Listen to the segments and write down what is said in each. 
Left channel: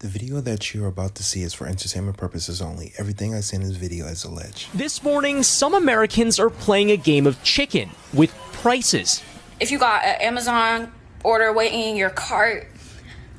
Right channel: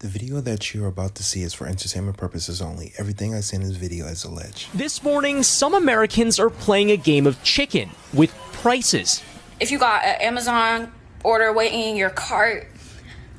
The video that you're about to see is for entertainment purposes only. Everything I say in this video is alleged. This morning, some Americans are playing a game of chicken with prices. If you got an Amazon order waiting in your cart,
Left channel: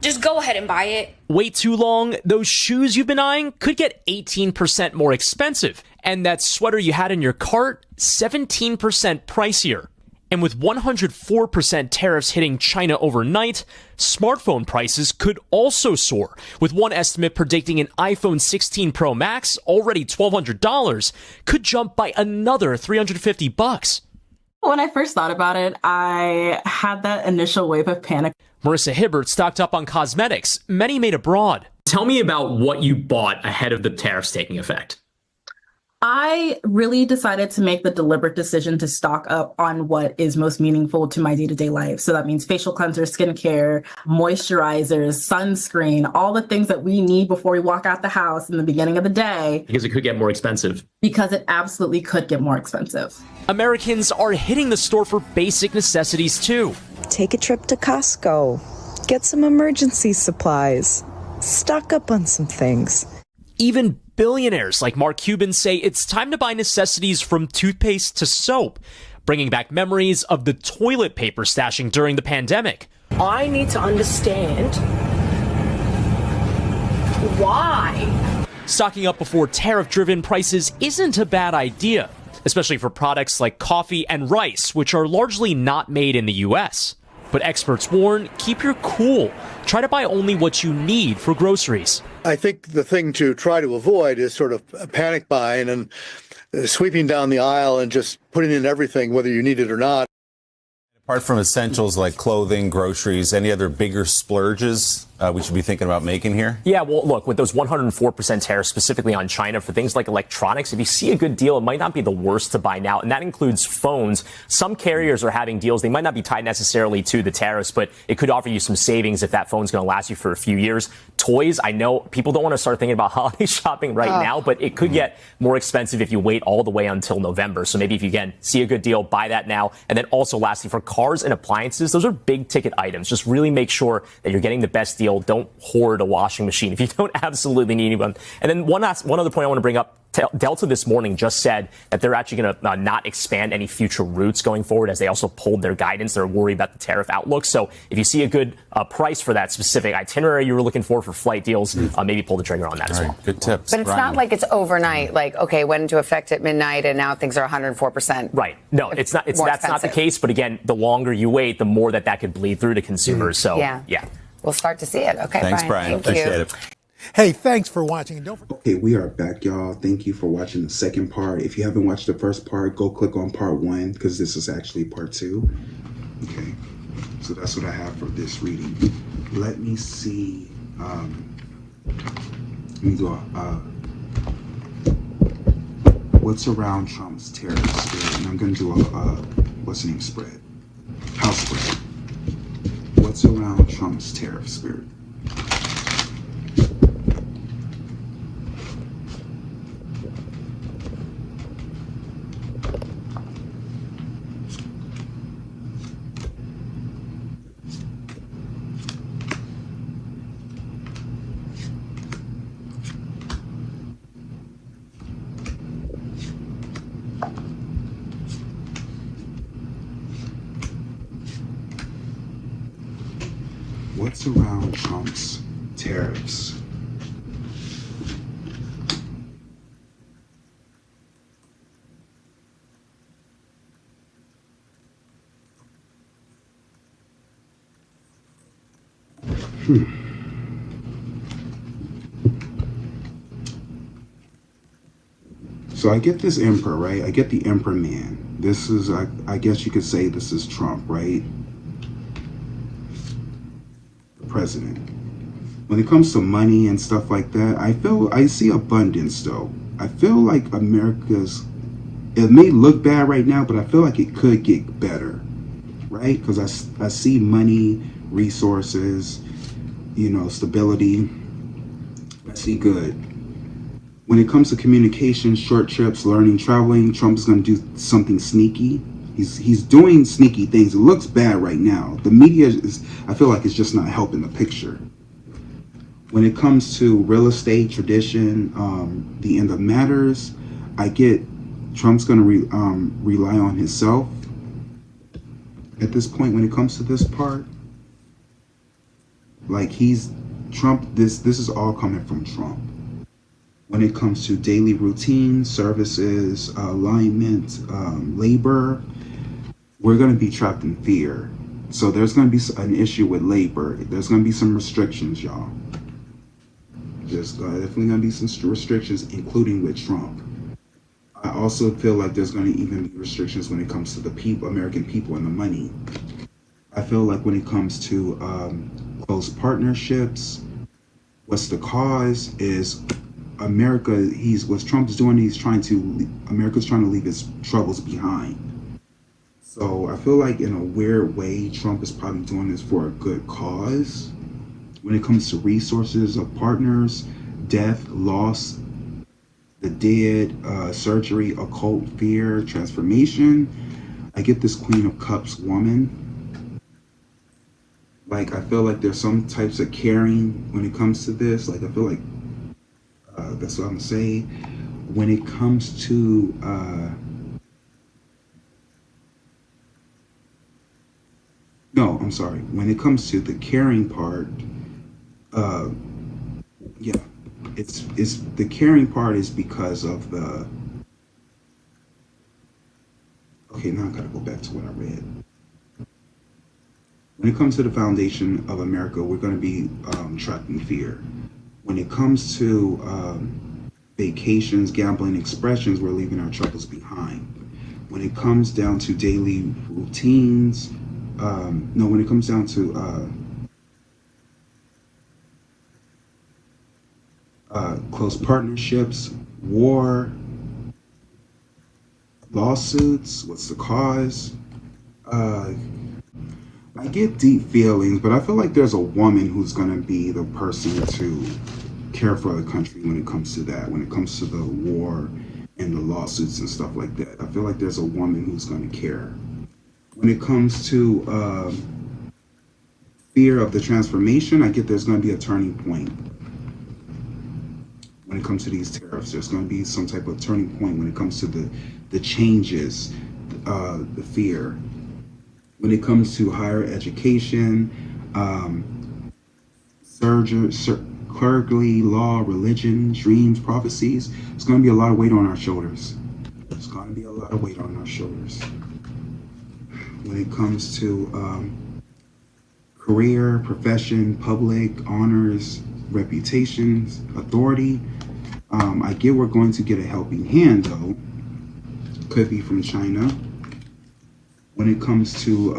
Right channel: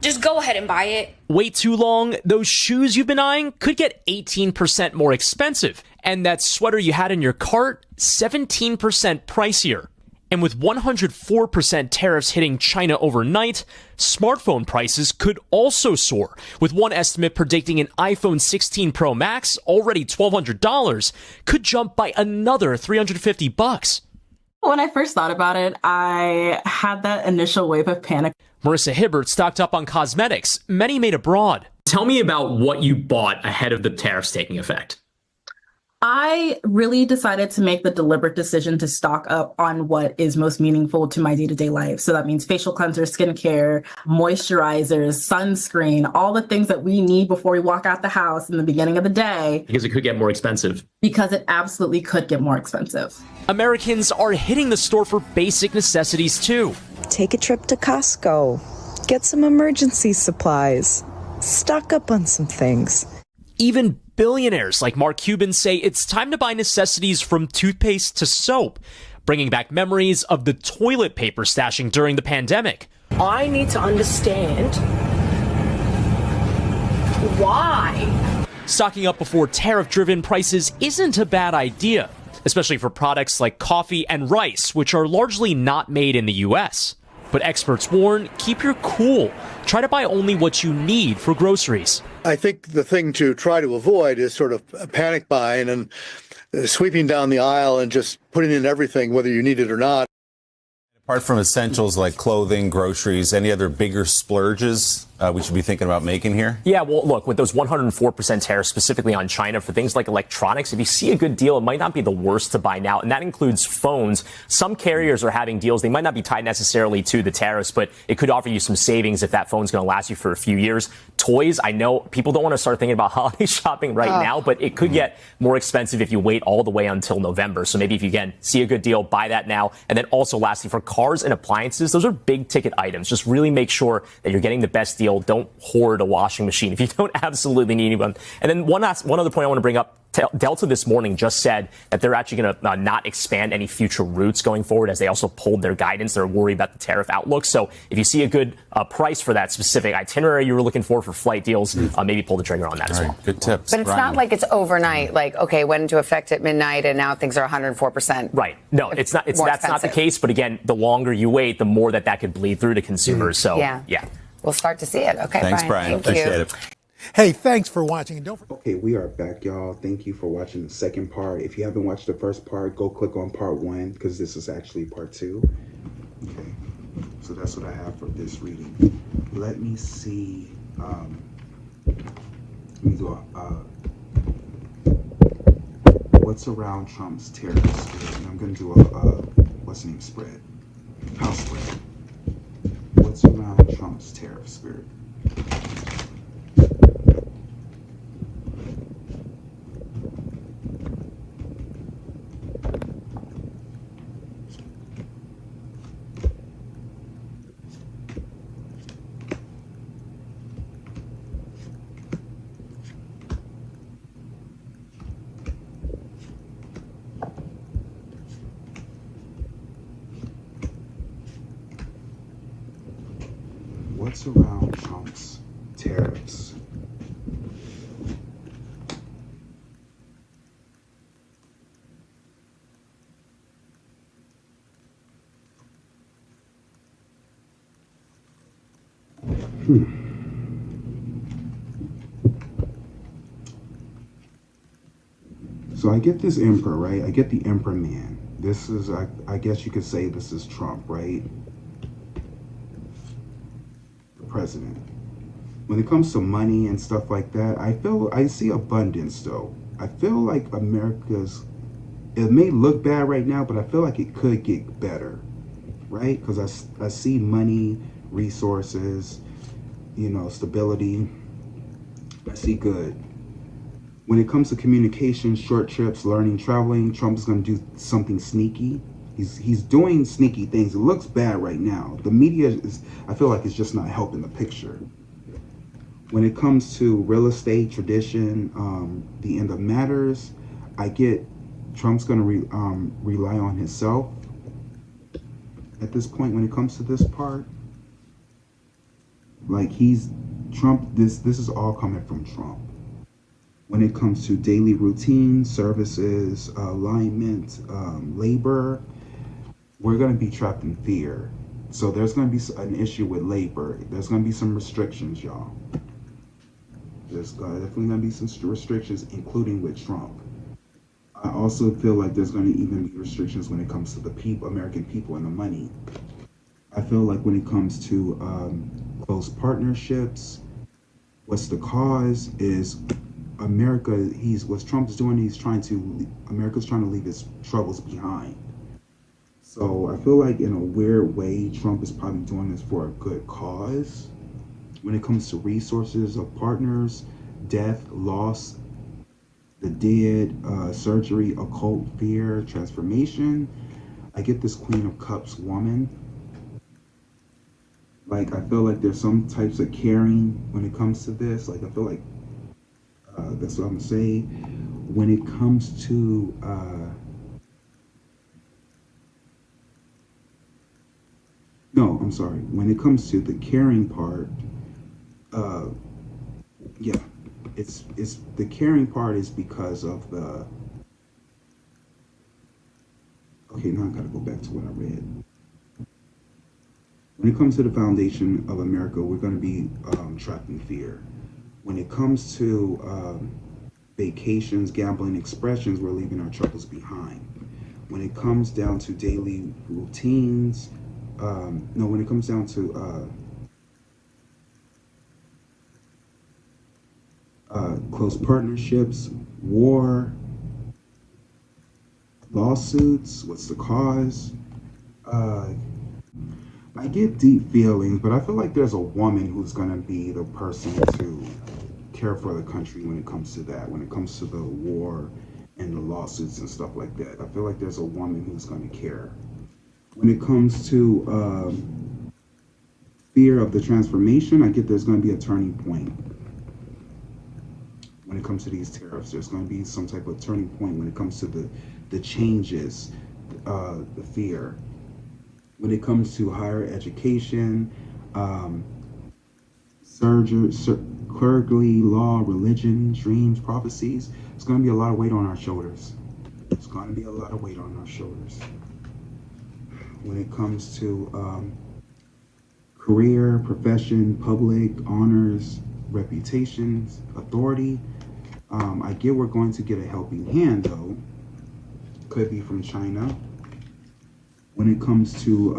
just go ahead and buy it. Wait too long, those shoes you've been eyeing could get 18% more expensive. And that sweater you had in your cart, 17% pricier. And with 104% tariffs hitting China overnight, smartphone prices could also soar, with one estimate predicting an iPhone 16 Pro Max, already $1,200, could jump by another $350. When I first thought about it, I had that initial wave of panic. Marissa Hibbert stocked up on cosmetics, many made abroad. Tell me about what you bought ahead of the tariffs taking effect. I really decided to make the deliberate decision to stock up on what is most meaningful to my day-to-day life. So that means facial cleansers, skincare, moisturizers, sunscreen, all the things that we need before we walk out the house in the beginning of the day. Because it could get more expensive. Because it absolutely could get more expensive. Americans are hitting the store for basic necessities too. Take a trip to Costco. Get some emergency supplies. Stock up on some things. Even billionaires like Mark Cuban say it's time to buy necessities from toothpaste to soap, bringing back memories of the toilet paper stashing during the pandemic. I need to understand why. Stocking up before tariff-driven prices isn't a bad idea, especially for products like coffee and rice, which are largely not made in the U.S. But experts warn, keep your cool. Try to buy only what you need for groceries. I think the thing to try to avoid is sort of panic buying and sweeping down the aisle and just putting in everything, whether you need it or not. Apart from essentials like clothing, groceries, any other bigger splurges we should be thinking about making here? Yeah, well, look, with those 104% tariffs specifically on China for things like electronics, if you see a good deal, it might not be the worst to buy now. And that includes phones. Some carriers are having deals. They might not be tied necessarily to the tariffs, but it could offer you some savings if that phone's going to last you for a few years. Toys, I know people don't want to start thinking about holiday shopping right now, but it could get more expensive if you wait all the way until November. So maybe if you, again, see a good deal, buy that now. And then also, lastly, for cars and appliances, those are big ticket items. Just really make sure that you're getting the best deal. Don't hoard a washing machine if you don't absolutely need one. And then one other point I want to bring up. Delta this morning just said that they're actually going to not expand any future routes going forward, as they also pulled their guidance. They're worried about the tariff outlook. So if you see a good price for that specific itinerary you were looking for flight deals, maybe pull the trigger on that as well. Good tips. But it's not like it's overnight, like, okay, went into effect at midnight and now things are 104%. Right. No, it's not. That's not the case. But again, the longer you wait, the more that could bleed through to consumers. So yeah. We'll start to see it. Okay, Thanks, Brian. Appreciate it. Hey, thanks for watching. And don't forget. Okay, we are back, y'all. Thank you for watching the second part. If you haven't watched the first part, go click on part 1 because this is actually part 2. Okay, so that's what I have for this reading. Let me see. Let me do what's around Trump's tariff spread, and I'm gonna do a what's the name spread? House spread. What's around Trump's tariff spread? What's around Trump's tariffs? So I get this emperor, right? I get the emperor man. This is, I guess you could say this is Trump, right? President. When it comes to money and stuff like that, I see abundance though. I feel like it may look bad right now, but I feel like it could get better, right? Because I see money, resources, stability. I see good. When it comes to communication, short trips, learning, traveling, Trump's going to do something sneaky. He's doing sneaky things. It looks bad right now. The media I feel like it's just not helping the picture. When it comes to real estate, tradition, the end of matters, I get Trump's going to rely on himself at this point when it comes to this part. Like Trump, this is all coming from Trump. When it comes to daily routine, services, alignment, labor, we're going to be trapped in fear. So there's going to be an issue with labor. There's going to be some restrictions, y'all. There's definitely going to be some restrictions, including with Trump. I also feel like there's going to even be restrictions when it comes to the people, American people, and the money. I feel like when it comes to close partnerships, what's the cause is America. What Trump's doing. America's trying to leave its troubles behind. So I feel like in a weird way, Trump is probably doing this for a good cause. When it comes to resources of partners, death, loss, the dead, surgery, occult, fear, transformation, I get this Queen of Cups woman. Like, I feel like there's some types of caring when it comes to this. Like, I feel like, that's what I'm gonna say. When it comes to, no, I'm sorry. When it comes to the caring part, yeah, it's the caring part is because of the. Okay, now I gotta go back to what I read. When it comes to the foundation of America, we're going to be trapped in fear. When it comes to vacations, gambling, expressions, we're leaving our troubles behind. When it comes down to daily routines, when it comes down to close partnerships, war, lawsuits, what's the cause? I get deep feelings, but I feel like there's a woman who's going to be the person to care for the country when it comes to that, when it comes to the war and the lawsuits and stuff like that. I feel like there's a woman who's going to care. When it comes to fear of the transformation, I get there's going to be a turning point. When it comes to these tariffs, there's going to be some type of turning point when it comes to the changes, the fear. When it comes to higher education, clergy, law, religion, dreams, prophecies, it's going to be a lot of weight on our shoulders. It's going to be a lot of weight on our shoulders. When it comes to career, profession, public, honors, reputations, authority, I get we're going to get a helping hand, though. Could be from China. When it comes to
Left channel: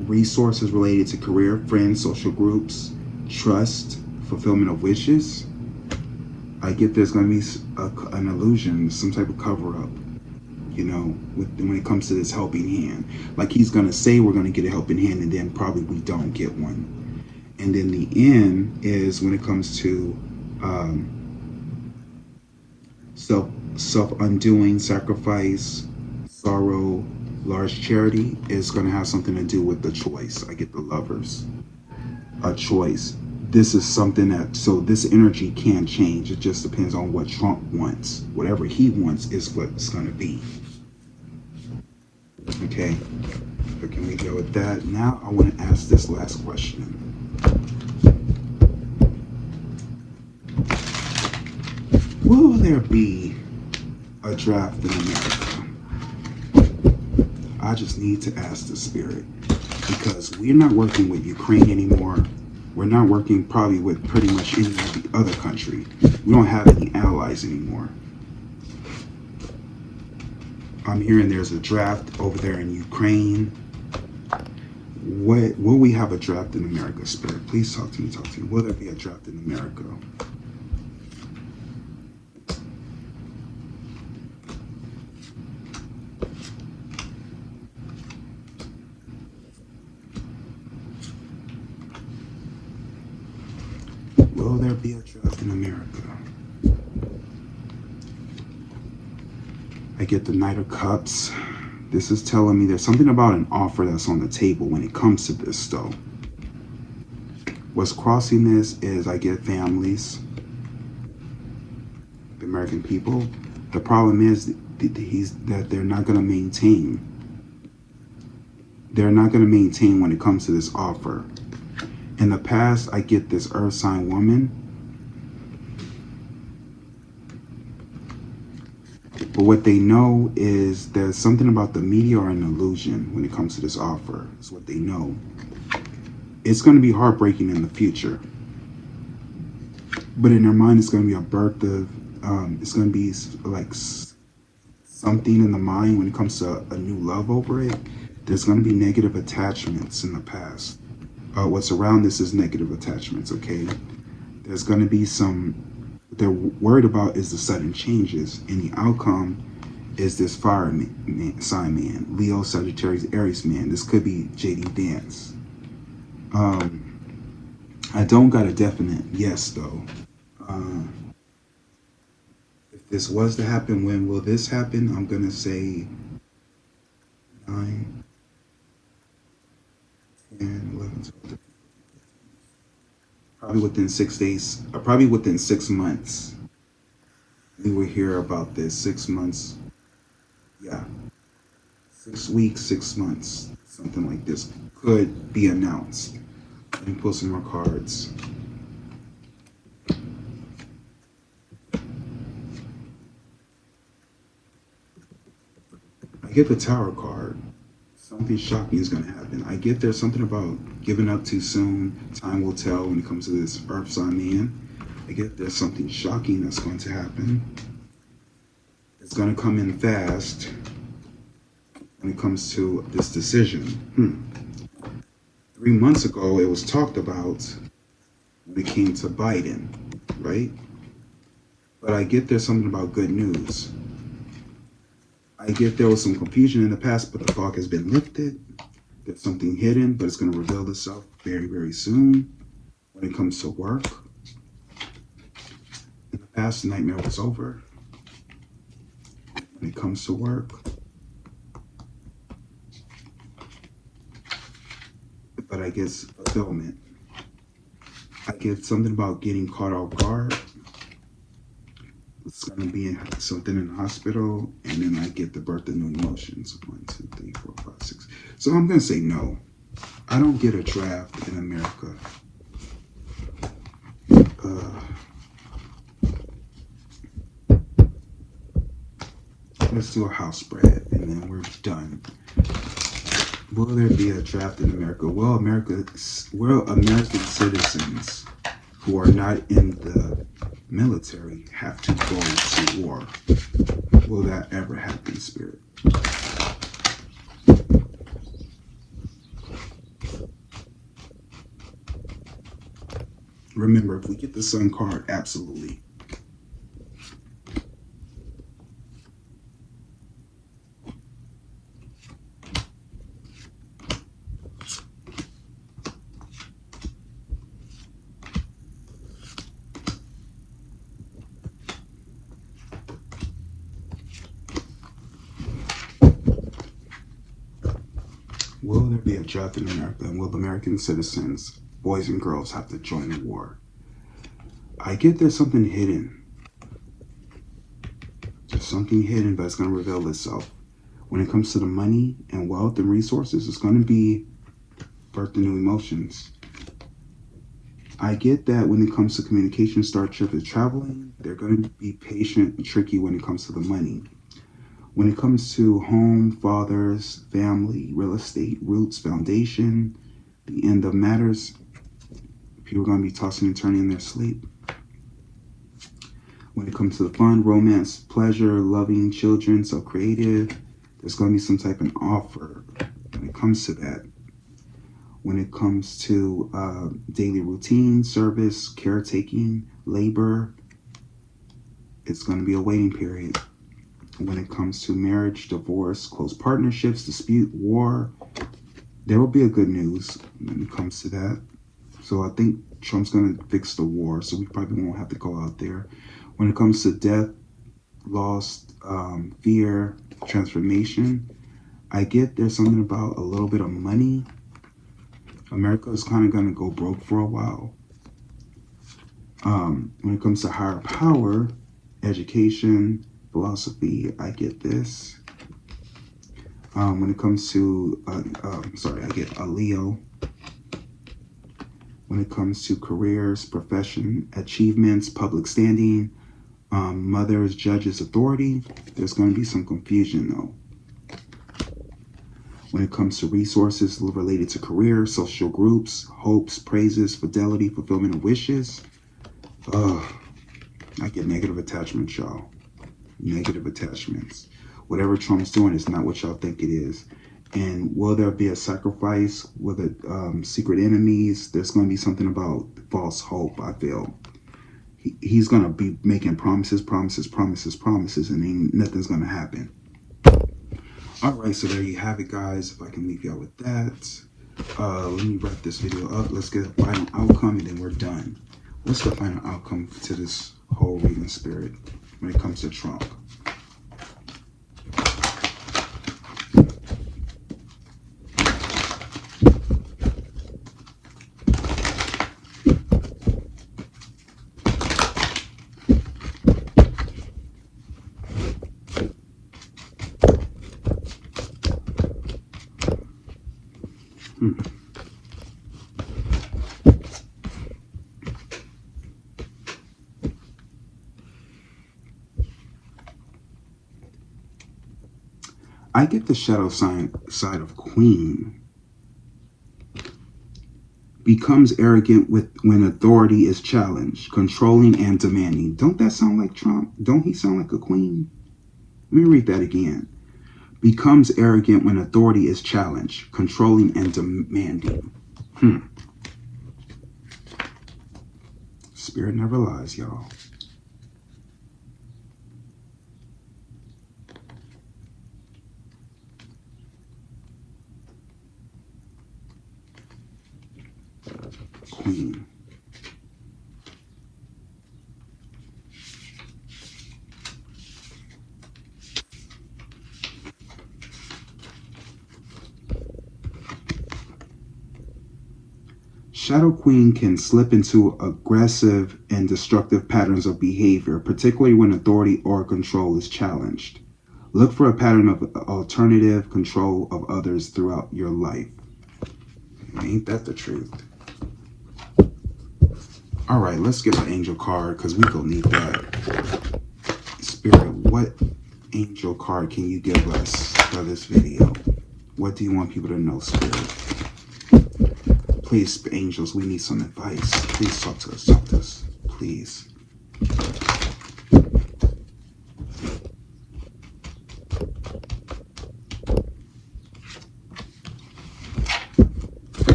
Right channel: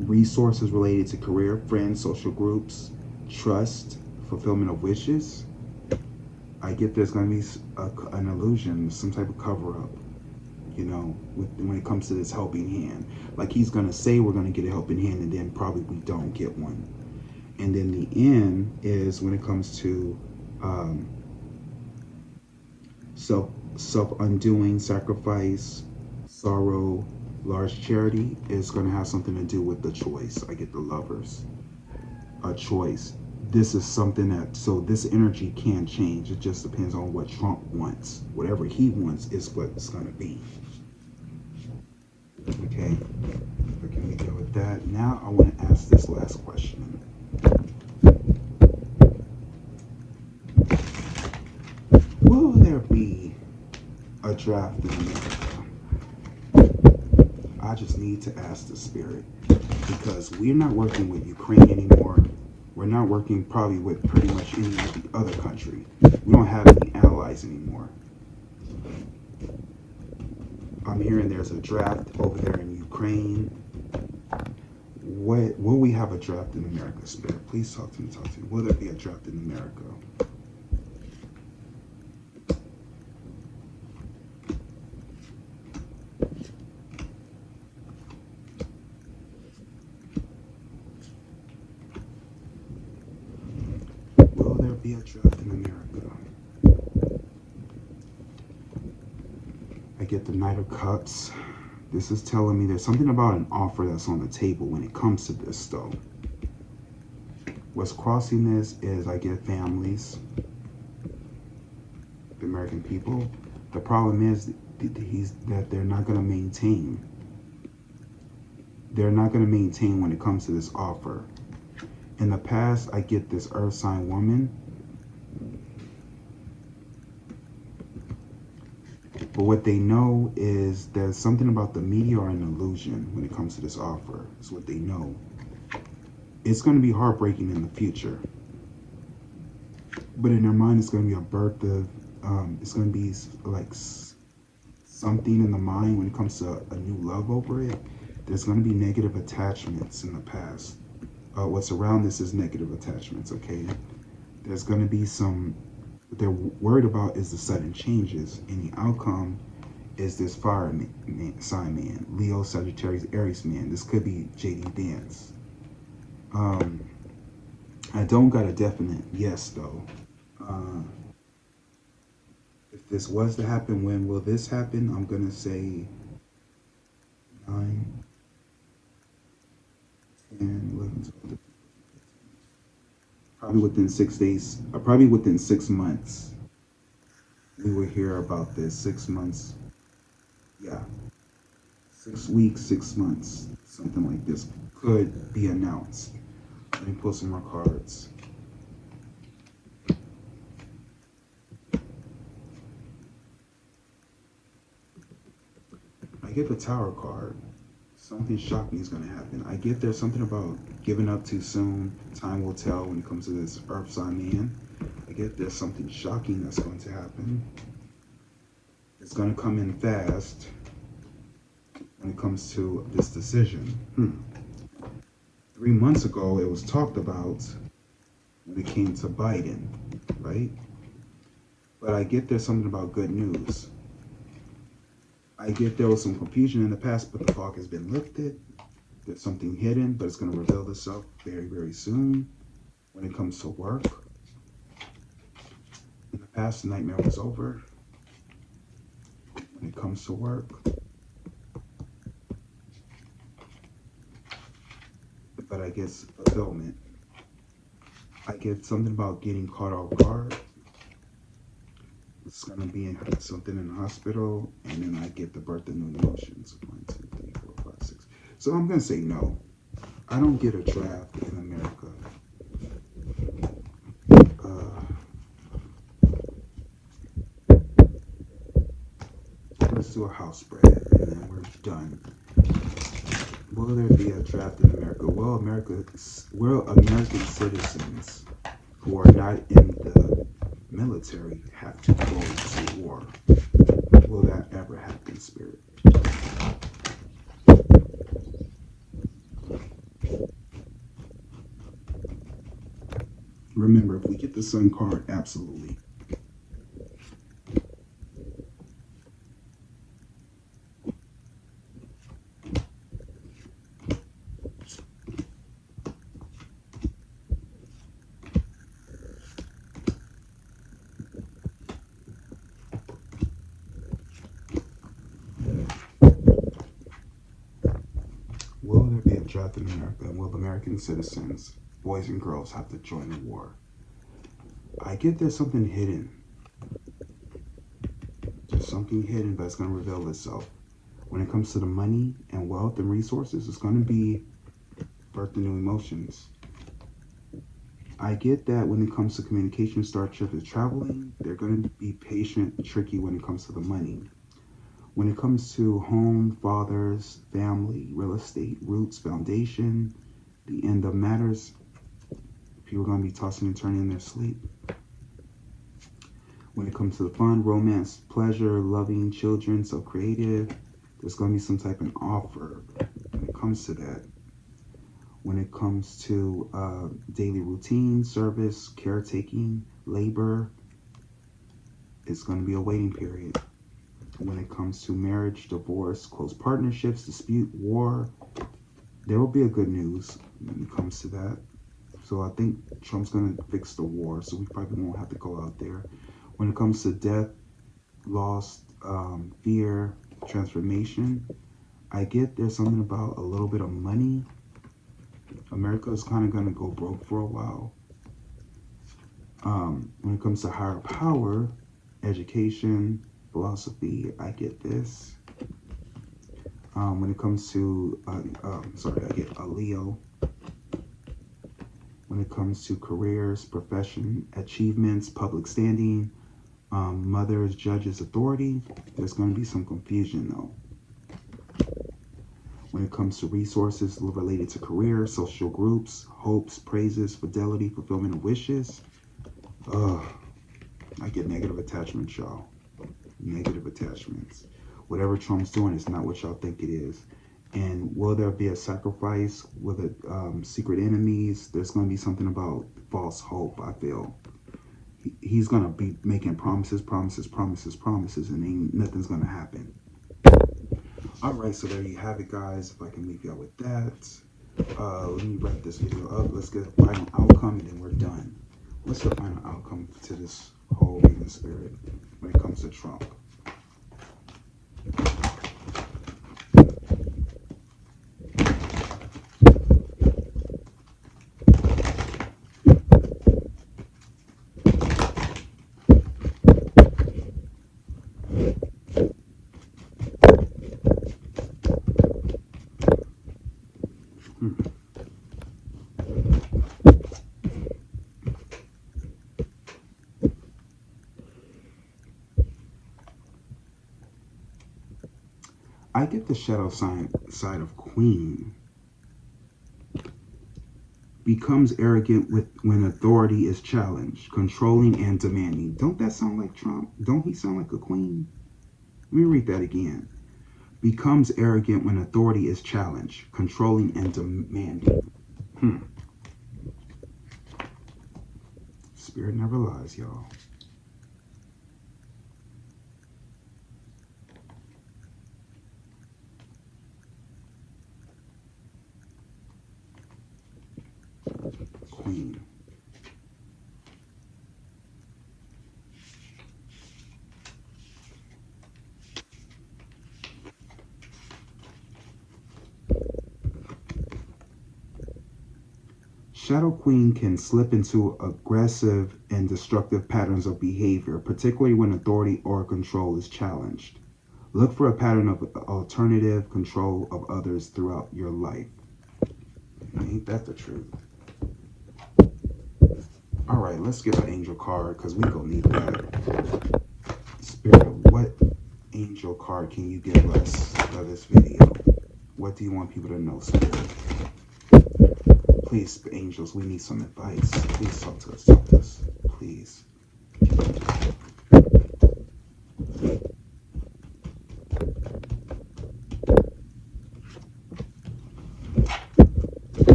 resources related to career, friends, social groups, trust, fulfillment of wishes, I get there's going to be an illusion, some type of cover-up, when it comes to this helping hand. Like he's going to say we're going to get a helping hand, and then probably we don't get one. And then the end is when it comes to self-undoing, sacrifice, sorrow, large charity is going to have something to do with the choice. I get the Lovers. A choice. This is something so this energy can change. It just depends on what Trump wants. Whatever he wants is what it's going to be. Okay. But can we go with that? Now I want to ask this last question. Will there be a draft in America? I just need to ask the spirit, because we're not working with Ukraine anymore. We're not working probably with pretty much any other country. We don't have any allies anymore. I'm hearing there's a draft over there in Ukraine. Will we have a draft in America, Spirit? Please talk to me. Will there be a draft in America? Will there be a draft in America? I get the Knight of Cups. This is telling me there's something about an offer that's on the table when it comes to this, though. What's crossing this is I get families, the American people. The problem is that they're not going to maintain. They're not going to maintain when it comes to this offer. In the past, I get this earth sign woman. But what they know is there's something about the media or an illusion when it comes to this offer. It's what they know. It's going to be heartbreaking in the future. But in their mind, it's going to be a birth of, it's going to be like something in the mind when it comes to a new love over it. There's going to be negative attachments in the past. What's around this is negative attachments, okay? There's going to be some, what they're worried about is the sudden changes, and the outcome is this fire sign man, Leo, Sagittarius, Aries man. This could be JD Vance. I don't got a definite yes, though. If this was to happen, when will this happen? I'm going to say 9, 10, 11, 12. Probably within 6 days, probably within 6 months. We will hear about this. 6 months. Yeah. 6 weeks, 6 months. Something like this could be announced. Let me pull some more cards. I get the Tower card. Something shocking is going to happen. I get there's something about giving up too soon. Time will tell when it comes to this earth sign man. I get there's something shocking that's going to happen. It's going to come in fast when it comes to this decision. 3 months ago, it was talked about when it came to Biden, right? But I get there's something about good news. I get there was some confusion in the past, but the fog has been lifted. There's something hidden, but it's going to reveal itself very, very soon. When it comes to work, in the past, the nightmare was over. When it comes to work, but I guess fulfillment. I get something about getting caught off guard. It's going to be something in the hospital, and then I get the birth of new emotions. 1, 2, 3, 4, 5, 6. So I'm going to say no. I don't get a draft in America. Let's do a house spread, and then we're done. Will there be a draft in America? Will American citizens who are not in the military have to go to war? Will that ever happen, Spirit? Remember, if we get the Sun card, absolutely. Will there be a draft in America, and will American citizens, boys and girls, have to join the war? I get there's something hidden. There's something hidden, but it's going to reveal itself. When it comes to the money and wealth and resources, it's going to be birth of new emotions. I get that when it comes to communication, starship, and traveling, they're going to be patient and tricky when it comes to the money. When it comes to home, fathers, family, real estate, roots, foundation, the end of matters, people are going to be tossing and turning in their sleep. When it comes to the fun, romance, pleasure, loving, children, so creative, there's going to be some type of offer when it comes to that. When it comes to daily routine, service, caretaking, labor, it's going to be a waiting period. When it comes to marriage, divorce, close partnerships, dispute, war, there will be a good news when it comes to that. So I think Trump's going to fix the war, so we probably won't have to go out there. When it comes to death, loss, fear, transformation, I get there's something about a little bit of money. America is kind of going to go broke for a while. When it comes to higher power, education, philosophy, I get this. When it comes to, I get a Leo. When it comes to careers, profession, achievements, public standing, mothers, judges, authority, there's going to be some confusion though. When it comes to resources related to career, social groups, hopes, praises, fidelity, fulfillment of wishes, I get negative attachments, y'all. Negative attachments. Whatever Trump's doing is not what y'all think it is. And will there be a sacrifice? Will the secret enemies? There's going to be something about false hope, I feel. He's going to be making promises, and ain't nothing's going to happen. All right, so there you have it, guys. If I can leave y'all with that. Let me wrap this video up. Let's get a final outcome, and then we're done. What's the final outcome to this whole reading, Spirit, when it comes to Trump? I get the shadow side of Queen. Becomes arrogant when authority is challenged, controlling and demanding. Don't that sound like Trump? Don't he sound like a queen? Let me read that again. Becomes arrogant when authority is challenged, controlling and demanding. Spirit never lies, y'all. Queen. Shadow Queen can slip into aggressive and destructive patterns of behavior, particularly when authority or control is challenged. Look for a pattern of alternative control of others throughout your life. Ain't that the truth? All right, let's get an angel card because we gonna need that. Spirit, what angel card can you give us for this video? What do you want people to know, Spirit? Please, angels, we need some advice. Please talk to us, please.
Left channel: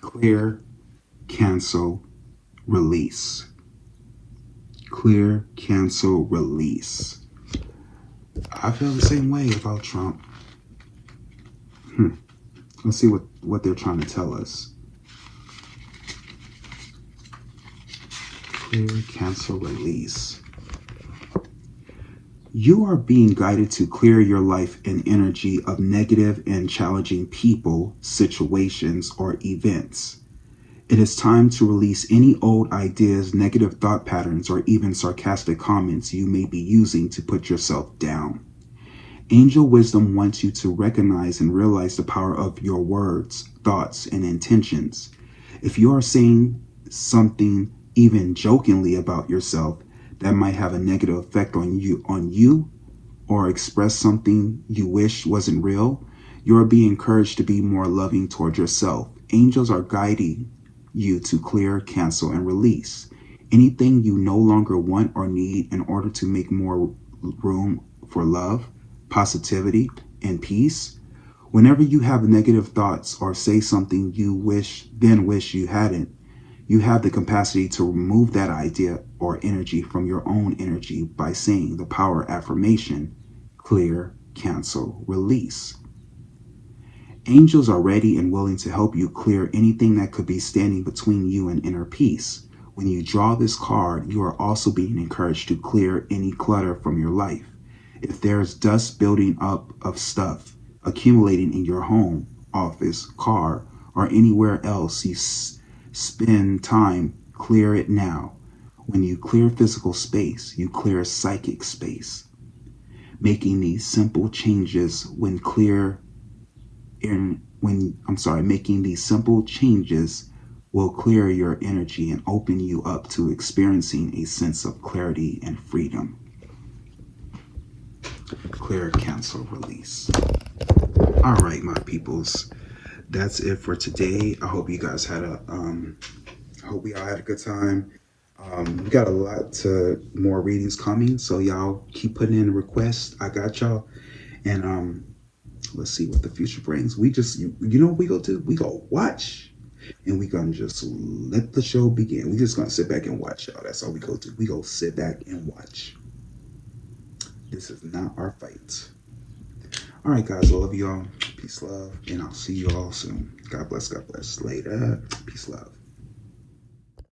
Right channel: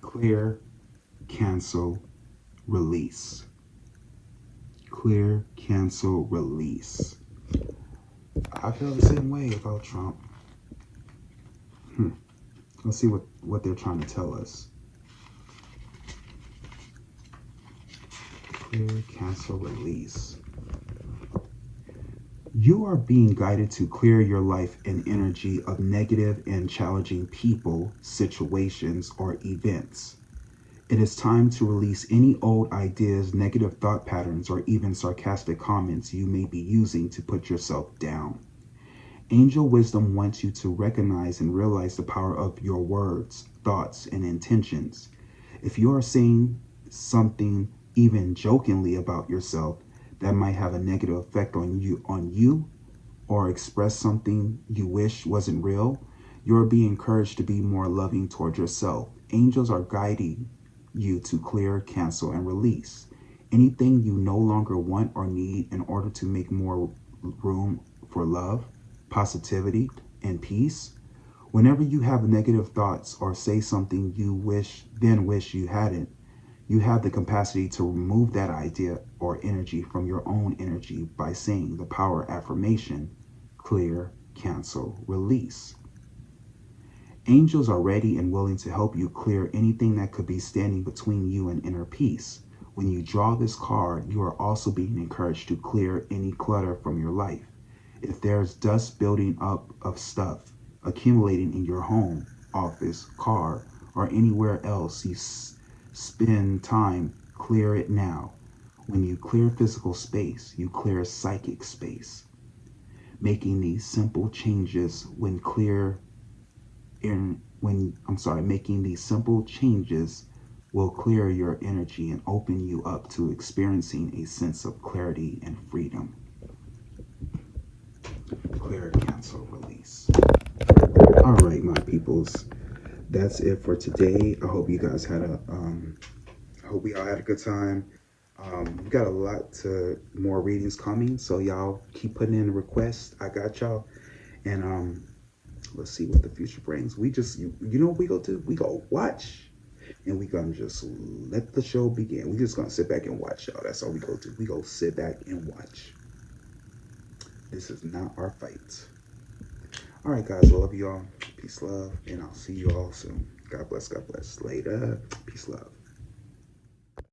Clear, cancel, release. Clear, cancel, release. I feel the same way about Trump. Let's see what they're trying to tell us. Clear, cancel, release. You are being guided to clear your life and energy of negative and challenging people, situations, or events. It is time to release any old ideas, negative thought patterns, or even sarcastic comments you may be using to put yourself down. Angel wisdom wants you to recognize and realize the power of your words, thoughts, and intentions. If you are saying something even jokingly about yourself that might have a negative effect on you, or express something you wish wasn't real, you are being encouraged to be more loving toward yourself. Angels are guiding you to clear, cancel, and release anything you no longer want or need in order to make more room for love, positivity, and peace. Whenever you have negative thoughts or say something you wish you hadn't, you have the capacity to remove that idea or energy from your own energy by saying the power affirmation, clear, cancel, release. Angels are ready and willing to help you clear anything that could be standing between you and inner peace. When you draw this card, you are also being encouraged to clear any clutter from your life. If there's dust building up of stuff accumulating in your home, office, car, or anywhere else you spend time, clear it now. When you clear physical space, you clear psychic space. Making these simple changes making these simple changes will clear your energy and open you up to experiencing a sense of clarity and freedom. Clear, cancel, release. All right, my peoples, that's it for today. I hope you guys had hope we all had a good time. We got a lot more readings coming, so y'all keep putting in requests. I got y'all, and let's see what the future brings. We just, you know what we gonna do? We gonna watch, and we gonna just let the show begin. We just gonna sit back and watch, y'all. That's all we go do. We go sit back and watch. This is not our fight. All right, guys, I love y'all. Peace, love, and I'll see you all soon. God bless, God bless. Later. Peace, love.